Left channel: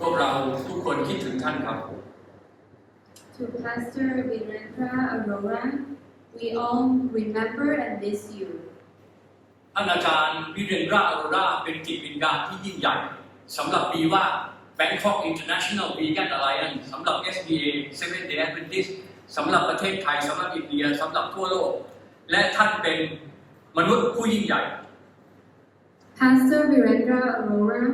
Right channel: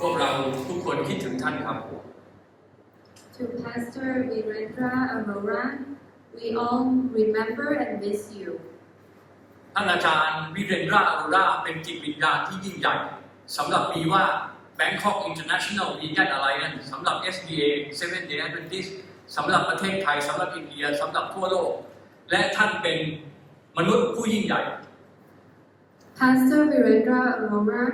พวกเราทุกคนคิดถึงท่านครับ To Pastor Virendra Arora, we all remember and miss you. ท่านอาจารย์วิเรนดราอโรราเป็นจิตวิญญาณที่ยิ่งใหญ่สำหรับBIVA Bangkok International Vegan Alliance สำหรับ SDA Seventh Day Adventist สำหรับประเทศไทยสำหรับอินเดียสำหรับทั่วโลกและท่านเป็นมนุษย์ผู้ยิ่งใหญ่ Pastor Virendra Arora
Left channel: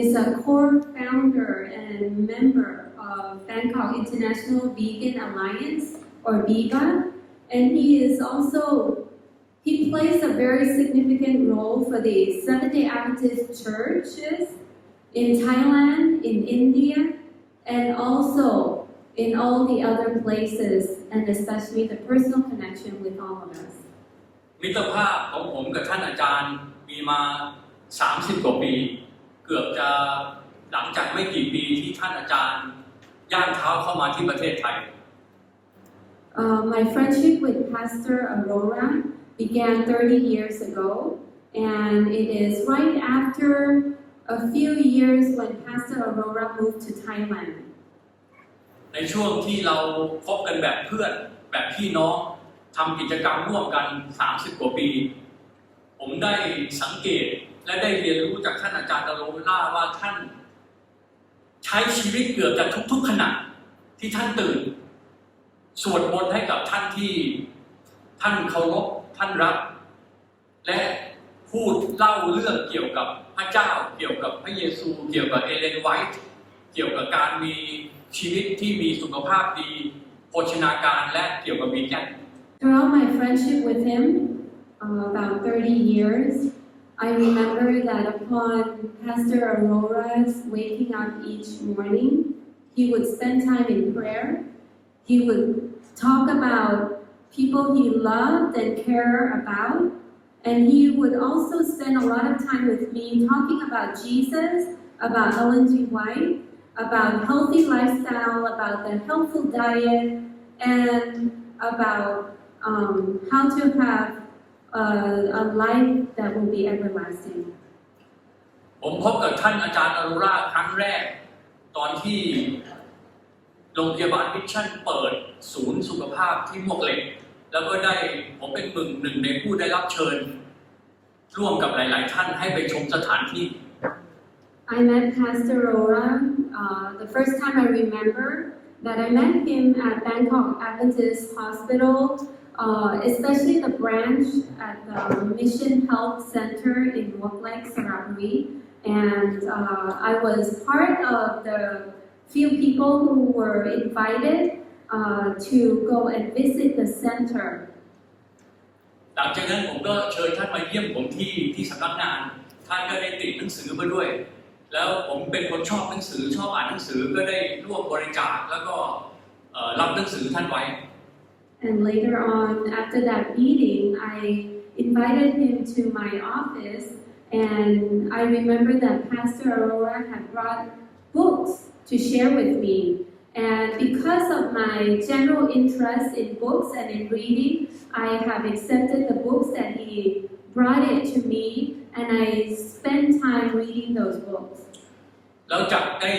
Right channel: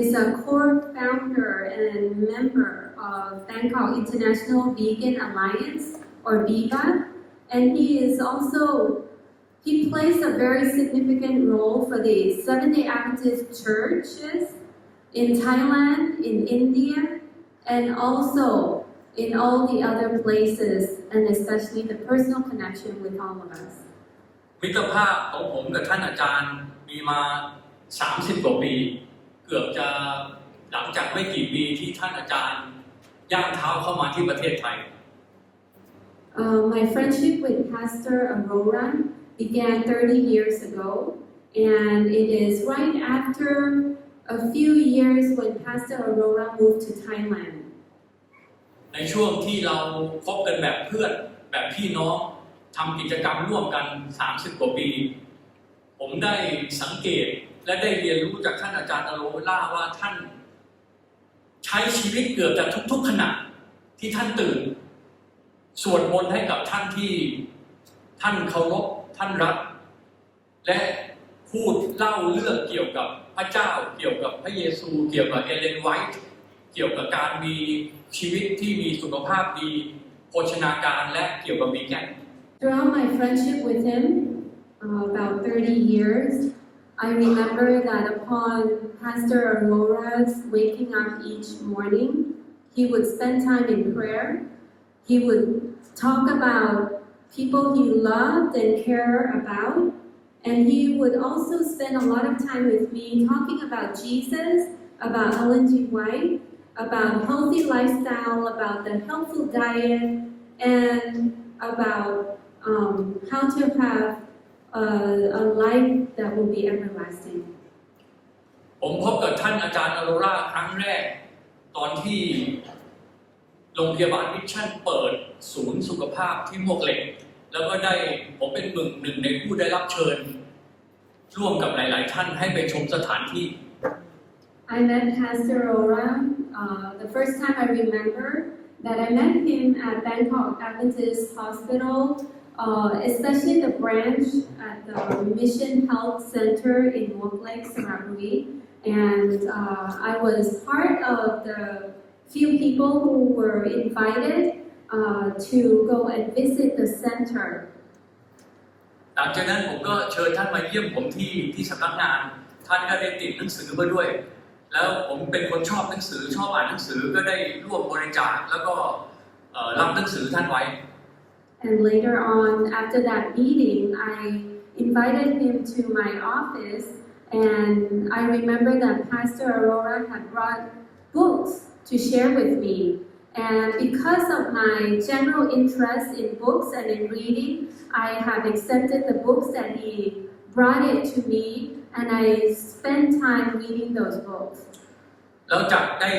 is a core founder and member of Bangkok International Vegan Alliance or BIVA, and he plays a very significant role for the Seventh-day Adventist churches in Thailand, in India, and also in all the other places, and especially the personal connection with all of us. มิตรภาพของผมกับท่านอาจารย์มีมา30 กว่าปีเกือบจะหลังจากไม่กี่ปีที่ท่านอาจารย์ย่างเท้าเข้ามาที่ประเทศไทย My friendship with Pastor Arora began 30 years ago, and it is right after a few years when Pastor Arora moved to Thailand. ในช่วงที่เราคบกันแบบเพื่อนแบบพี่น้องทำกิจกรรมร่วมกัน30 กว่าปีผมได้สังเกตและได้เรียนรู้จากท่านอาจารย์อโรราว่าท่านใช้ชีวิตเกือบจะทุกๆขณะที่ท่านตื่นสวดมนต์ให้กับท่านที่ท่านเคารพท่านรักและพูดเล่าเรื่องเกี่ยวกับพระเจ้าเกี่ยวกับพระเยซูเกี่ยวกับเอเลนไวท์เกี่ยวกับการมีชีวิตที่มีสุขภาพดีโภชนาการและเกี่ยวกับวีแกน Throughout my friendship with him, about 30 years, I remember that upon Pastor Arora's waking up each morning, he would spend time in prayer. He would talk about people he loved and cared about, and he would also spend a lot of time with me talking about Jesus, about Ellen G. White, about healthy lifestyle, about the healthful diet, and about how to have a life that will be everlasting. ผมพบกับท่านอาจารย์อโรราครั้งแรกตอนที่โรงพยาบาลมิชชั่นเปิดศูนย์สุขภาพที่มวกเหล็กแล้วก็ได้ผมเป็นหนึ่งในผู้ได้รับเชิญร่วมกับหลายๆท่านให้ไปชมสถานที่ I met Pastor Arora. The first time I remember that I met him at Bangkok Adventist Hospital, especially the branch at the Mission Health Center in Muak Lek, Sarawi. And I was part of the few people who were invited to go and visit the center. หลังจากนั้นผมก็เชิญท่านมาเยี่ยมผมที่สำนักงานท่านก็ได้ติดหนังสือมาด้วยแล้วผมเป็นคนชอบหนังสือชอบอ่านหนังสือก็ได้ร่วมบริจาคแล้วก็รับหนังสือท่านไว้ And later on, after that meeting, I invited him to my office, and I remember that Pastor Arora had brought books to share with me. And because of my general interest in books and in reading, I have accepted the books that he brought it to me, and I spent time reading those books. แล้วจากได้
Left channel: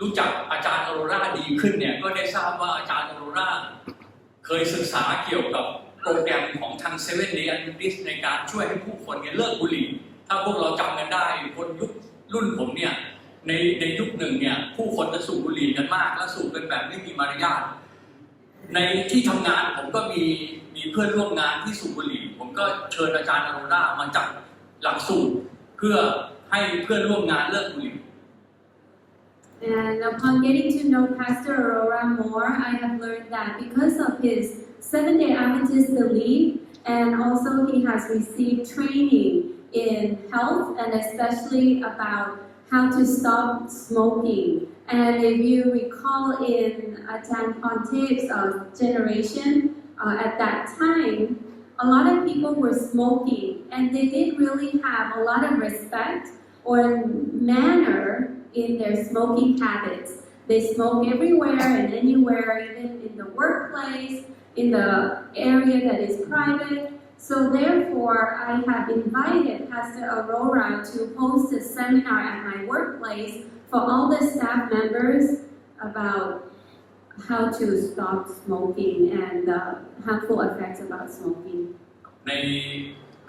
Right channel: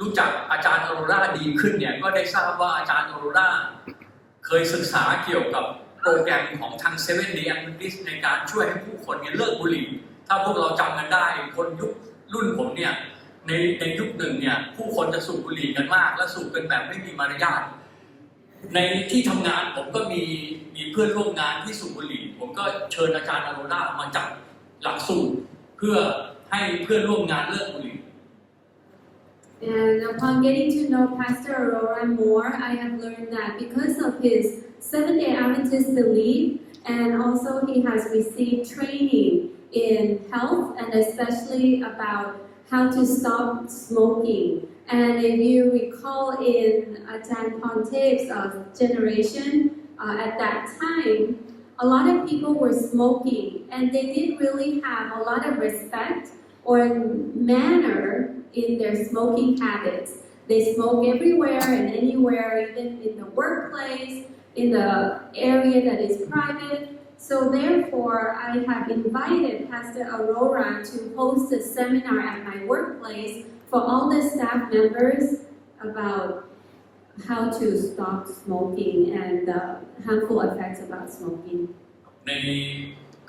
รู้จักอาจารย์อโรราดีขึ้นเนี่ยก็ได้ทราบว่าอาจารย์อโรราเคยศึกษาเกี่ยวกับโปรแกรมของทาง Seventh Day Adventist ในการช่วยให้ผู้คนเนี่ยเลิกบุหรี่ถ้าพวกเราจำกันได้คนยุครุ่นผมเนี่ยในยุคหนึ่งเนี่ยผู้คนจะสูบบุหรี่กันมากและสูบกันแบบไม่มีมารยาทในที่ทำงานผมก็มีเพื่อนร่วมงานที่สูบบุหรี่ผมก็เชิญอาจารย์อโรรามาจัดหลักสูตรเพื่อให้เพื่อนร่วมงานเลิกบุหรี่ And upon getting to know Pastor Arora more, I have learned that because of his Seventh-day Adventist belief, and also he has received training in health and especially about how to stop smoking. And if you recall in Ajahn Ponte's generation, at that time, a lot of people were smoking and they didn't really have a lot of respect or manner in their smoking habits. They smoke everywhere and anywhere, even in the workplace, in the area that is private. So therefore, I have invited Pastor Aurora to host a seminar at my workplace for all the staff members about how to stop smoking and the harmful effects about smoking. ใน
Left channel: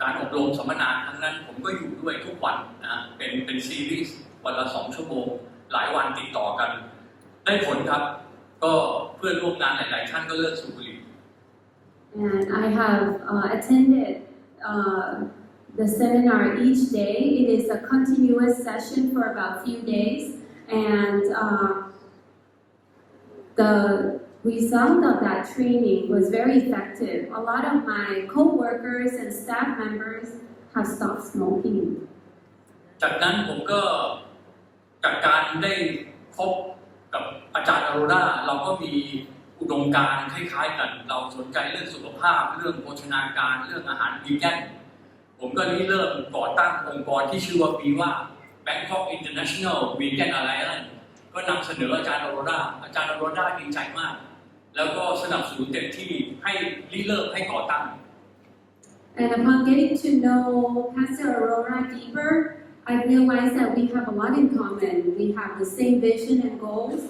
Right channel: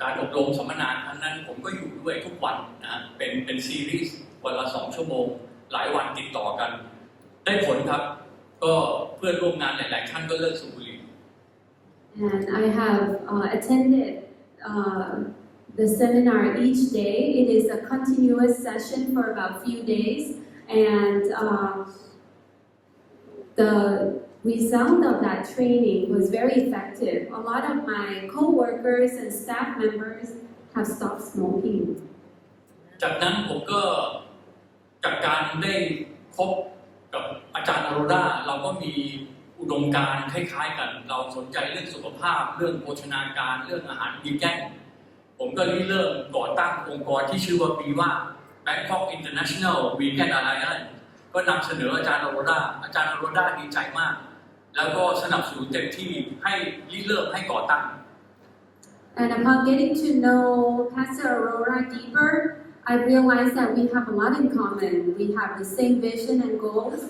การอบรมสัมมนาครั้งนั้นผมก็อยู่ด้วยทุกวันนะเป็นซีรีส์วันละ2 ชั่วโมงหลายวันติดต่อกันได้ผลครับก็เพื่อนร่วมงานหลายๆท่านก็เลิกสูบบุหรี่ And I have attended the seminar each day. It is a continuous session for about a few days, and the result of that training was very effective. A lot of my co-workers and staff members have stopped smoking. จากนั้นผมก็จากการได้พบกับอาจารย์อโรราเราก็มีอุดมการณ์คล้ายๆกันเราสนใจเรื่องสุขภาพเรื่องโภชนาการเรื่องอาหารวีแกนผมก็เริ่มก่อตั้งองค์กรที่ชื่อว่า BIVA Bangkok International Vegan Alliance ก็นำเสนออาจารย์อโรราดีใจมากแล้วก็สนับสนุนเต็มที่ให้เริ่มให้ก่อตั้ง And upon getting to know Pastor Aurora deeper, I realized that we have a lot in common. We have the same vision and goals,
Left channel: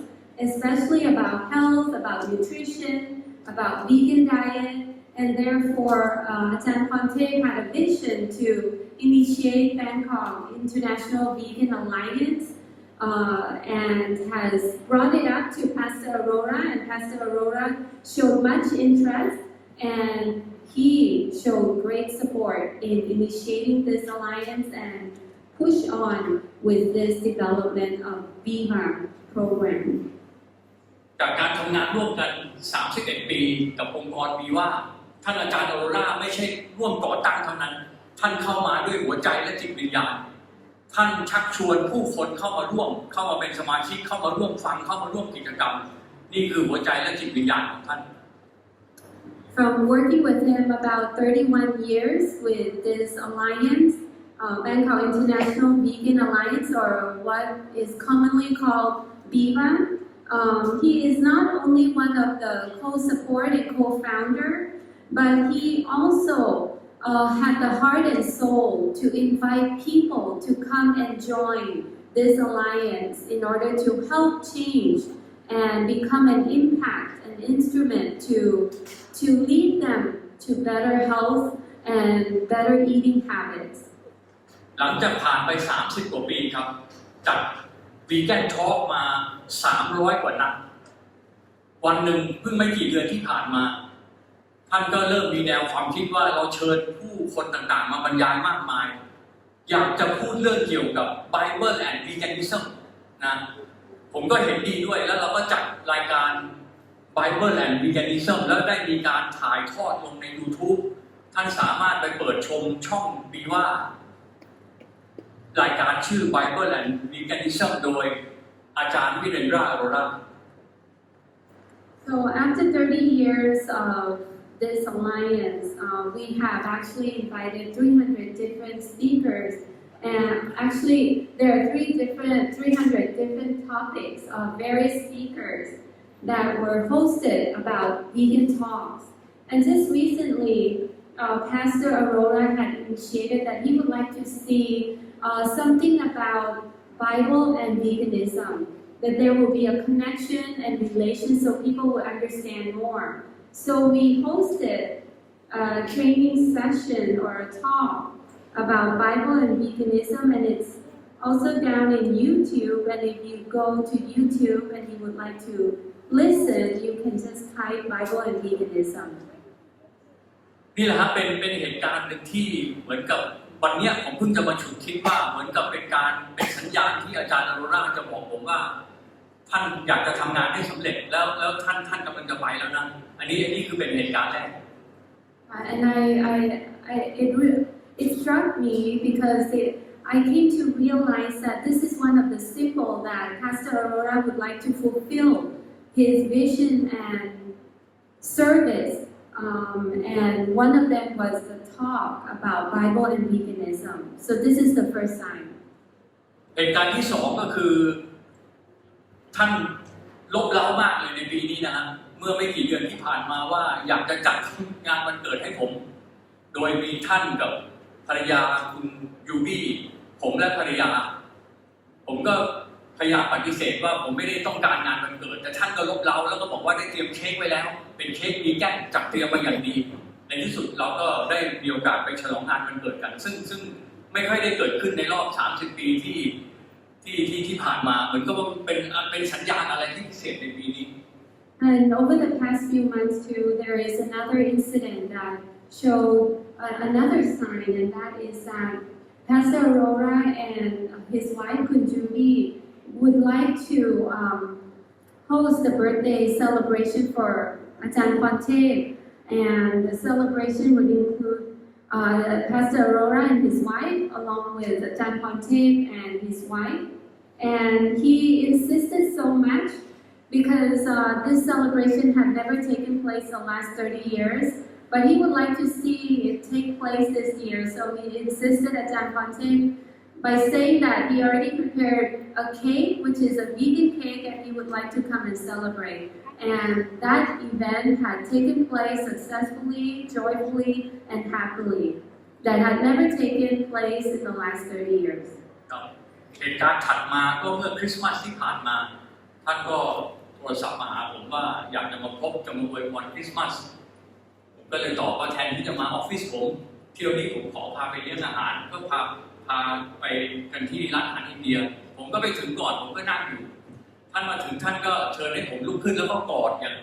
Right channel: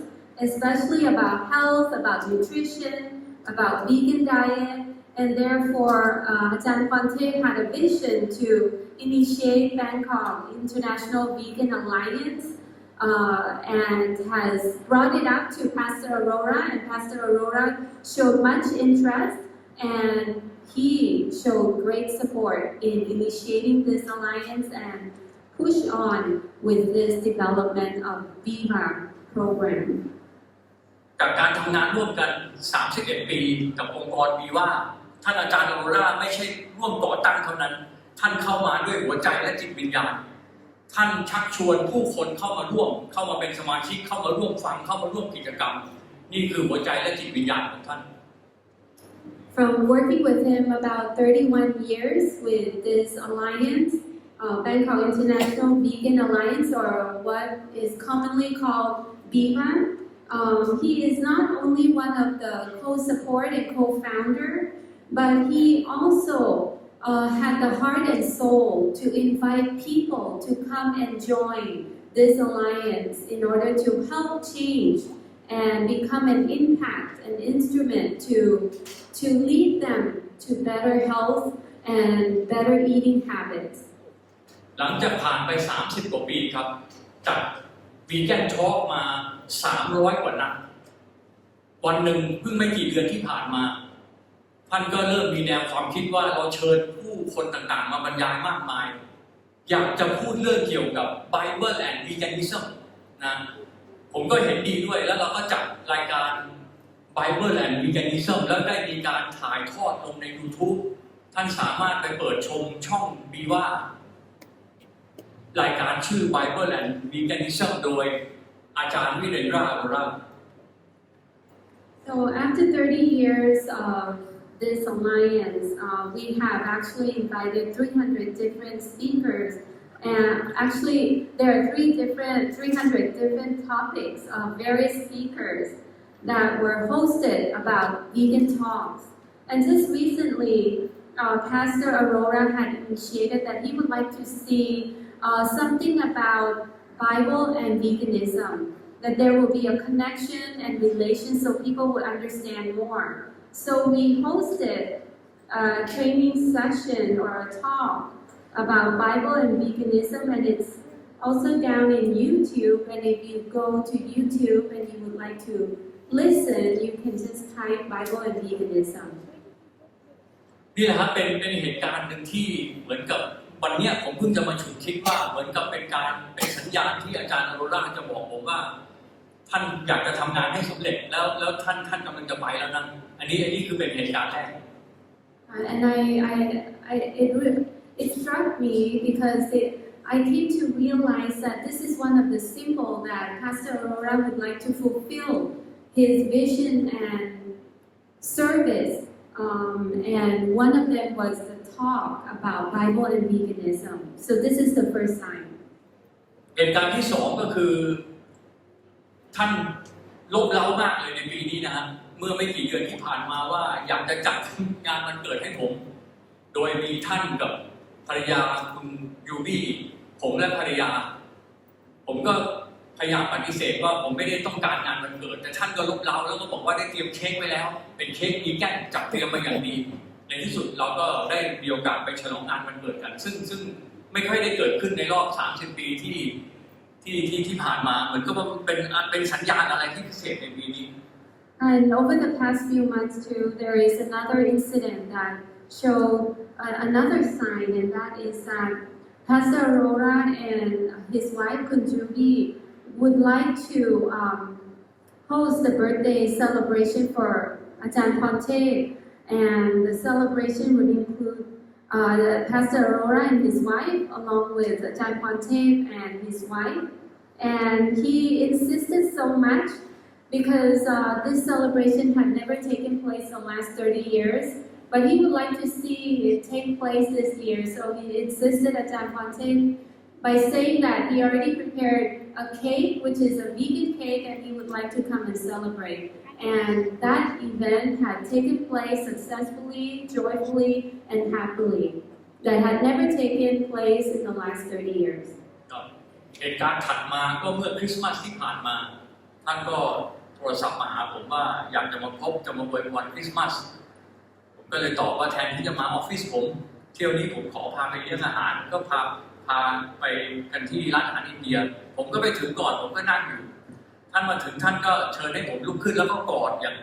especially about health, about nutrition, about vegan diet, and therefore Ajahn Phante had a vision to initiate Bangkok International Vegan Alliance and has brought it up to Pastor Aurora, and Pastor Aurora showed much interest and he showed great support in initiating this alliance and push on with this development of BIVA program. จากการทำงานร่วมกัน 31 ปีกับองค์กร BIVA ท่านอาจารย์อโรราไม่ใช่ร่วมก่อตั้งเท่านั้นท่านเข้ามาด้วยหัวใจและจิตวิญญาณท่านชักชวนผู้คนเข้ามาร่วมเข้ามาเป็นสมาชิกเข้ามาร่วมฟังเข้ามาร่วมกิจกรรมนี่คือหัวใจและจิตวิญญาณของท่าน From working with him about 31 years with this alliance, Bangkok International Vegan Alliance, or what is commonly called BIVA, he is not only one of the co-support and co-founder, but he also had the heart and soul to invite people to come and join this alliance in order to help change and become an impact, an instrument to lead them to better health and better eating habits. หลังจากผ่านไป 30 กว่าปีครับจากวีแกนทอล์กมา 300 กว่านัดวันหนึ่งเพิ่งไม่กี่เดือนที่ผ่านมาท่านก็เริ่มมีแนวความคิดว่าเราเชิญผู้คนต่างๆมาบรรยายมากมายอยากจะพูดเรื่องเกี่ยวกับ Bible and Veganism นะผมก็เห็นดีด้วยแล้วเราก็จัดรายการ Bible and Veganism แล้วได้มีการถ่ายทอดลงใน YouTube ท่านสามารถไปเปิดชมช่อง BIVA รายการชื่อ Bible and Veganism โดยอาจารย์วิเรนดราอโรรา So after 30 years of this alliance, we have actually invited 300 different speakers, and actually there are 300 different topics of various speakers that were hosted about vegan talks. And just recently, Pastor Aurora had initiated that he would like to see something about Bible and veganism, that there will be a connection and relation so people will understand more. So we hosted a training session or a talk about Bible and veganism, and it's also down in YouTube. And if you go to YouTube and you would like to listen, you can just type Bible and veganism. นี่แหละครับเป็นเหตุการณ์หนึ่งที่เหมือนกับวันนี้ผมเพิ่งจะมาฉุกคิดว่าเหมือนกับเป็นสัญญาณที่อาจารย์อโรราจะบอกผมว่าท่านอยากจะทำงานให้สำเร็จแล้วท่านกำลังจะไปแล้วนะอันนี้คือเป็นเหตุการณ์แรก And it struck me because I came to realize that this is one of the symbol that Pastor Aurora would like to fulfill his vision and service, and one of them was the talk about Bible and veganism. So this is the first sign. เหตุการณ์ที่สองก็คือท่านลบเล้ามากเลยในปีนี้นะฮะเมื่อไม่กี่เดือนที่ผ่านมาว่าอยากจะจัดงานวันเกิดให้ผม โดยมีท่านกับภรรยาคุณยูบี้ผมและภรรยาผมก็พยายามปฏิเสธว่าผมไม่ได้ต้องการงานวันเกิดแต่ท่านก็ลบเล้าแล้วก็บอกว่าได้เตรียมเค้กไว้แล้วเป็นเค้กวีแกนจัดเตรียมมาอย่างดีในที่สุดเราก็ได้มีโอกาสไปฉลองงานวันเกิดกันซึ่งไม่ค่อยได้เกิดขึ้นในรอบ30 ปีที่ผ่านมาเหมือนกับว่าเป็นสัญญาณอะไรที่พิเศษในปีนี้ And over the past few months too, there is another incident that showed another sign, and that is that Pastor Aurora and his wife Kunjubi would like to host the birthday celebration for Ajahn Pante, and the celebration would include Pastor Aurora and his wife, along with Ajahn Pante and his wife. And he insisted so much because this celebration had never taken place the last 30 years, but he would like to see it take place this year. So he insisted Ajahn Pante by saying that he already prepared a cake, which is a vegan cake, and he would like to come and celebrate. And that event had taken place successfully, joyfully, and happily. That had never taken place in the last 30 years. เหตุการณ์ถัดมาก็เมื่อคริสต์มาสที่ผ่านมาท่านก็โทรศัพท์มาหาผมว่าอยากจะมาพบจะมาอวยพรคริสต์มาสผมก็เลยตอบว่าแทนที่จะมาออฟฟิศผมเที่ยวนี้ผมขอพาไปเลี้ยงอาหารก็พาไปกันที่ร้านอาหารอินเดียผมก็ไปถึงก่อนผมก็นั่งอยู่ท่านมาถึงท่านก็เชิญให้ผมลุกขึ้นแล้วก็กอดอย่าง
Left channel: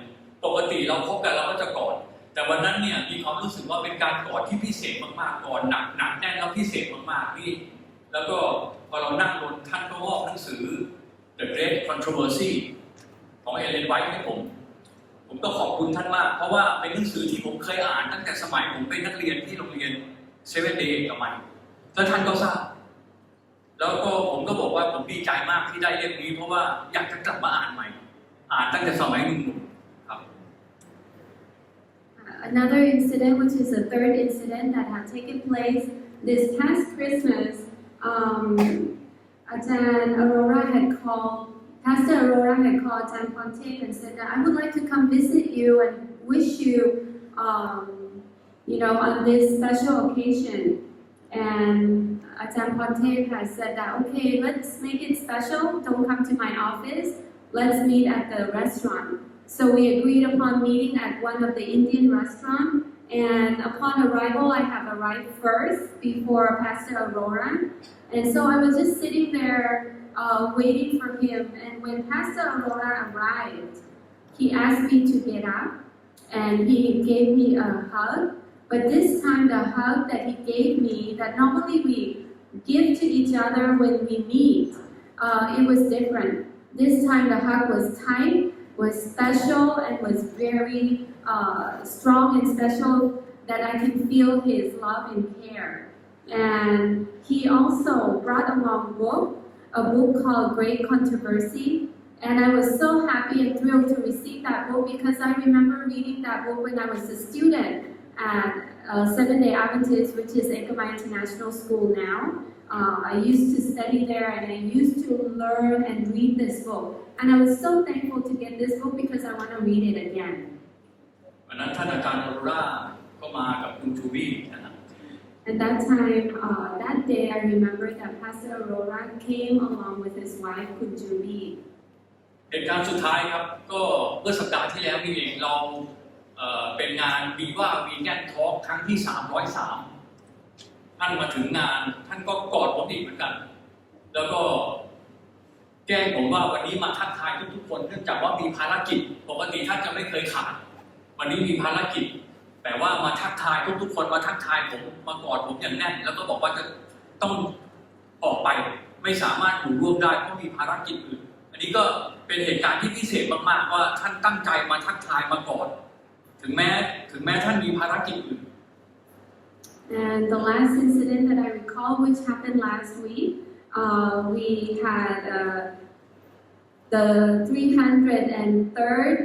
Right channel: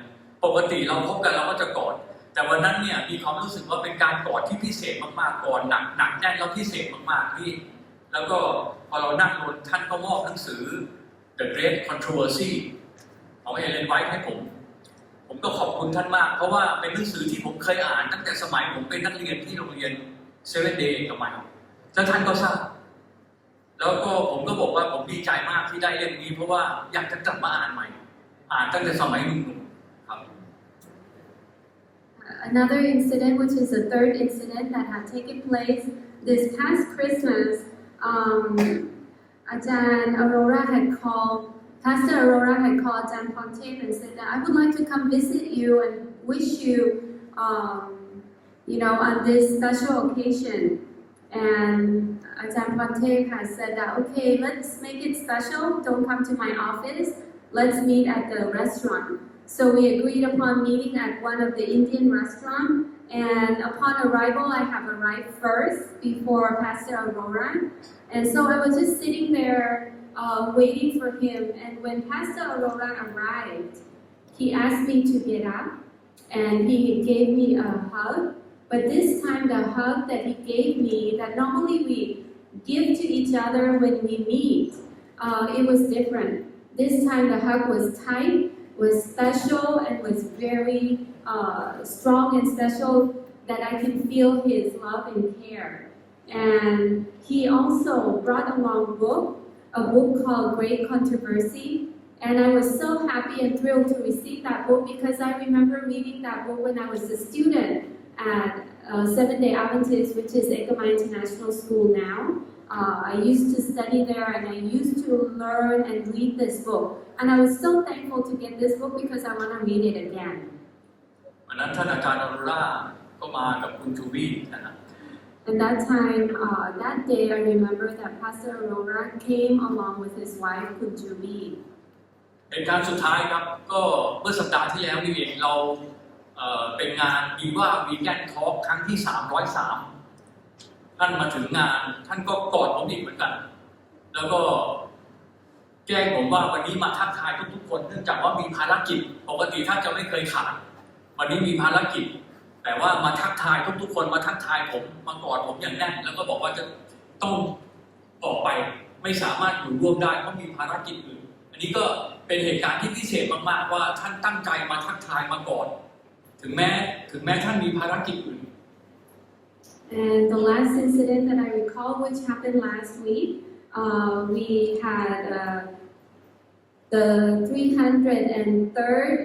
ปกติเราพบกันเราก็จะกอดแต่วันนั้นเนี่ยมีความรู้สึกว่าเป็นการกอดที่พิเศษมากๆกอดหนักแน่นแล้วพิเศษมากๆนี่แล้วก็พอเรานั่งบนท่านก็มอบหนังสือ The Great Controversy ของเอเลนไวท์ให้ผมก็ขอบคุณท่านมากเพราะว่าเป็นหนังสือที่ผมเคยอ่านตั้งแต่สมัยผมเป็นนักเรียนที่โรงเรียน7 Day สมัยแล้วท่านก็ทราบแล้วก็ผมก็บอกว่าผมดีใจมากที่ได้เล่มนี้เพราะว่าอยากจะกลับมาอ่านใหม่อ่านตั้งแต่สมัยหนุ่มๆครับ Another incident, which is the third incident that had taken place this past Christmas, Ajahn Aurora had called, Pastor Aurora had called Ajahn Ponte and said that I would like to come visit you and wish you, on this special occasion. And Ajahn Ponte has said that, okay, let's make it special. Don't come to my office. Let's meet at the restaurant. So we agreed upon meeting at one of the Indian restaurants. And upon arrival, I have arrived first before Pastor Aurora. And so I was just sitting there waiting for him. And when Pastor Aurora arrived, he asked me to get up and he gave me a hug. But this time, the hug that he gave me, that normally we give to each other when we meet, it was different. This time, the hug was tight, was special, and was very strong and special that I can feel his love and care. And he also brought along a book called Great Controversy. And I was so happy and thrilled to receive that book because I remember reading that book when I was a student at 7 Day Adventist, which is Ekamai International School now. I used to study there and I used to learn and read this book. And I was so thankful to get this book because I want to read it again. วันนั้นท่านอาจารย์ออโรราก็มากับคุณจูบี้นะครับ And that time, that day, I remember that Pastor Aurora came along with his wife, Kunjubi. เหตุการณ์สุดท้ายครับก็เมื่อสัปดาห์ที่แล้วนี่เองเราเป็นงาน BIVA Vegan Talk ครั้งที่ 303ท่านมาถึงงานท่านก็กอดผมอีกเหมือนกันแล้วก็แจ้งผมว่าวันนี้มาทักทายทุกๆคนเนื่องจากว่ามีภารกิจปกติท่านจะไม่เคยขาดวันนี้มีภารกิจแต่ว่ามาทักทายทุกๆคนมาทักทายผมมากอดผมอย่างแน่นแล้วก็บอกว่าจะต้องออกไปไม่สามารถอยู่ร่วมได้เพราะมีภารกิจอื่นอันนี้ก็เป็นเหตุการณ์ที่พิเศษมากๆว่าท่านตั้งใจมาทักทายมากอดถึงแม้ท่านมีภารกิจอื่น And the last incident that I recall, which happened last week, we had the 303rd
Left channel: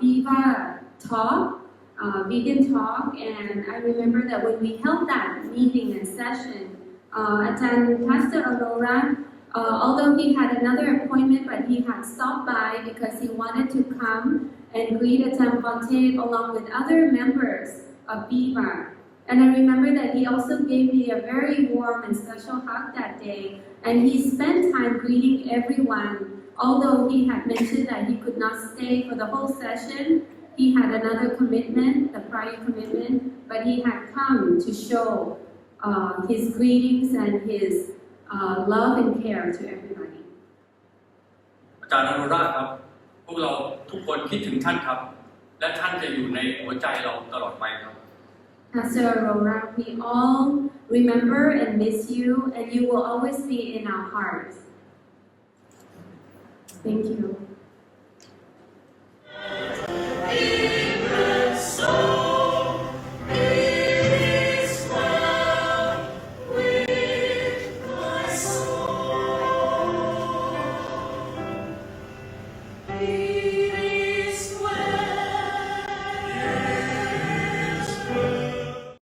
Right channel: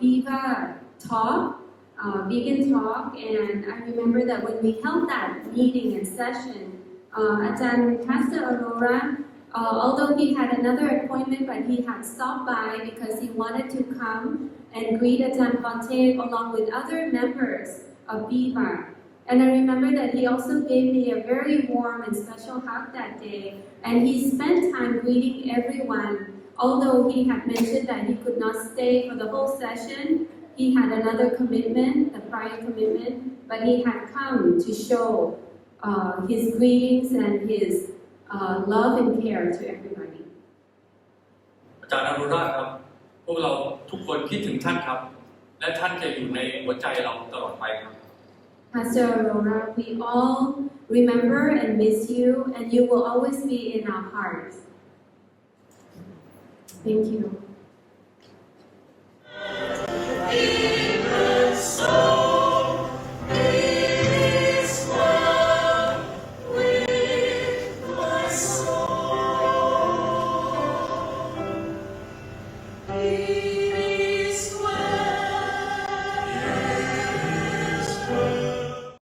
BIVA talk, vegan talk, and I remember that when we held that meeting and session, Pastor Aurora, although he had another appointment, but he had stopped by because he wanted to come and greet Ajahn Ponte along with other members of BIVA. And I remember that he also gave me a very warm and special hug that day. And he spent time greeting everyone. Although he had mentioned that he could not stay for the whole session, he had another commitment, the prior commitment, but he had come to show his greetings and his love and care to everybody. อาจารย์อนุราชครับพวกเราทุกคนคิดถึงท่านครับและท่านจะอยู่ในหัวใจเราตลอดไปครับ Pastor Aurora, we all remember and miss you, and you will always be in our hearts. Thank you.